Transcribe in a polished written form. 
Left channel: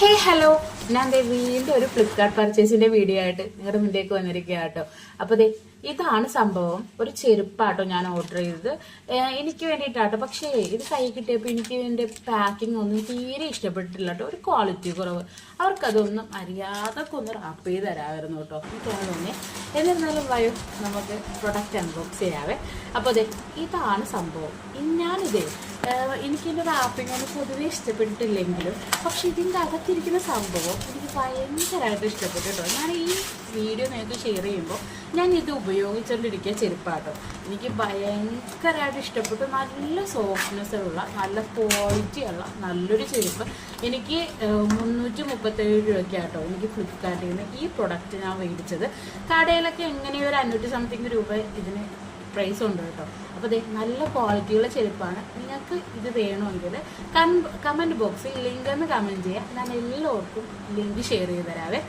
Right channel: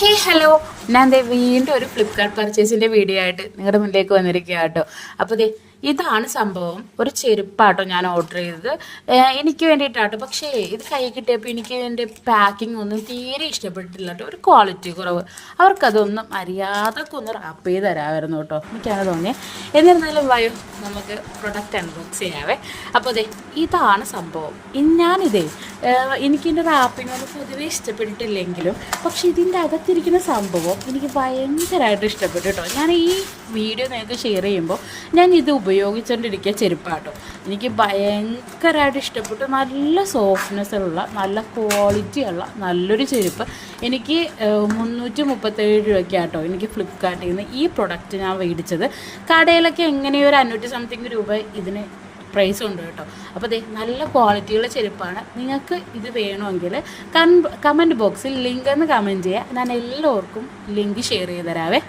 ഹേ hello, ഞാൻ വീണ്ടും ഒരു ഫ്ലിപ്കാർട്ട് പർച്ചേസിന്റെ വീഡിയോ ആയിട്ട് നിങ്ങളുടെ മുന്നിലേക്ക് വന്നിരിക്കുക കേട്ടോ. അപ്പോൾ ഇതാണ് സംഭവം. ഒരു ചെരുപ്പാട്ടോ ഞാൻ ഓർഡർ ചെയ്തത് എനിക്ക് വേണ്ടിയിട്ടാട്ടോ. പക്ഷേ ഇത് കൈ കിട്ടിയപ്പോൾ എനിക്ക് എൻ്റെ പാക്കിംഗ് ഒന്നും തീരെ ഇഷ്ടപ്പെട്ടില്ല കേട്ടോ. ഒരു ക്വാളിറ്റി കുറവ്. അവർക്കതൊന്നും അറിയാതൊക്കെ ഒന്ന് റാപ്പ് ചെയ്ത് തരാമായിരുന്നു കേട്ടോ. എനിക്കത് തോന്നി. എന്നിരുന്നാലും വയോ നമുക്ക് പ്രൊഡക്റ്റ് അൺബോക്സ് ചെയ്യാവേ. അപ്പോൾ ഇതാണ് സംഭവം. എനിക്കിൻ്റെ റാപ്പിംഗ് ഒന്നും പൊതുവേ ഇഷ്ടപ്പെട്ടിട്ടില്ലെങ്കിലും പക്ഷെ ഇതിൻ്റെ അകത്തിരിക്കുന്ന സംഭവം എനിക്ക് ഭയങ്കരമായിട്ട് ഇഷ്ടപ്പെട്ടു കേട്ടോ. ഞാൻ ഈ വീഡിയോ നിങ്ങൾക്ക് ഷെയർ ചെയ്യുമ്പോൾ ഞാൻ ഇത് ഉപയോഗിച്ചുകൊണ്ടിരിക്കുക ചെരുപ്പാട്ടോ. എനിക്ക് ഭയങ്കരമായിട്ട് ഇഷ്ടപ്പെട്ടു. നല്ല സോഫ്റ്റ്നെസ് ഉള്ള, നല്ല ക്വാളിറ്റി ഉള്ള നല്ലൊരു ചെരുപ്പ്. എനിക്ക് 337 രൂപയ്ക്കാട്ടോ എനിക്ക് ഫ്ലിപ്കാർട്ടിൽ നിന്ന് ഈ പ്രൊഡക്റ്റ് ഞാൻ മേടിച്ചത്. കടയിലൊക്കെ എങ്ങനെയോ ഒരു 500 സംതിങ് രൂപ ഇതിന് പ്രൈസ് ഉണ്ട് കേട്ടോ. അപ്പോൾ നല്ല ക്വാളിറ്റിയുള്ള ചെരുപ്പാണ്. നിങ്ങൾക്ക് ഇത് വേണമെങ്കിൽ കമൻറ്റ് ബോക്സിൽ ലിങ്ക് എന്ന് കമൻറ്റ് ചെയ്യുക. ഞാൻ എല്ലാവർക്കും ലിങ്ക് ഷെയർ ചെയ്ത് തരാവേ.